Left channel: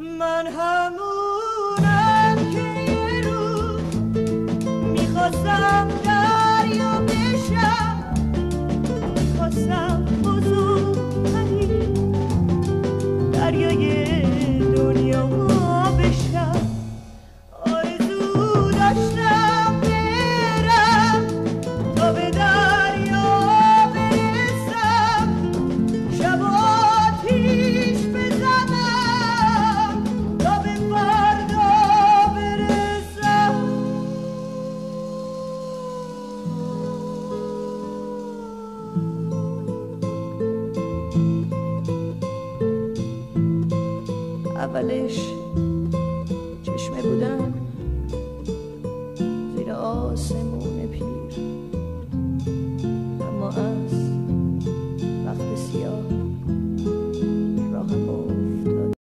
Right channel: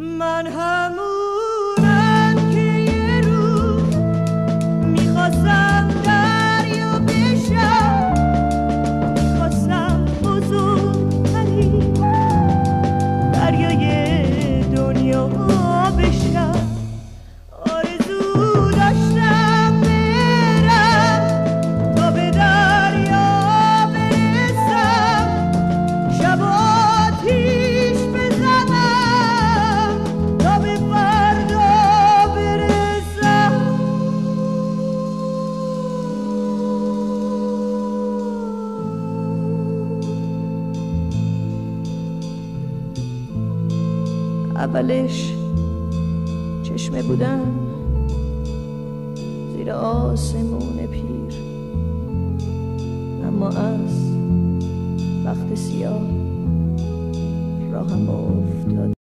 من همونم که یه روز میخواستم دریا بشم، میخواستم بزرگترین دریای دنیا بشم. آرزو داشتم برم تا به دریا برسم، شب آتیش بزنم تا به فردا برسم. اولش چشمه بودم زیر آسمون پیر، اما از وقت سیاه راهم افتاد.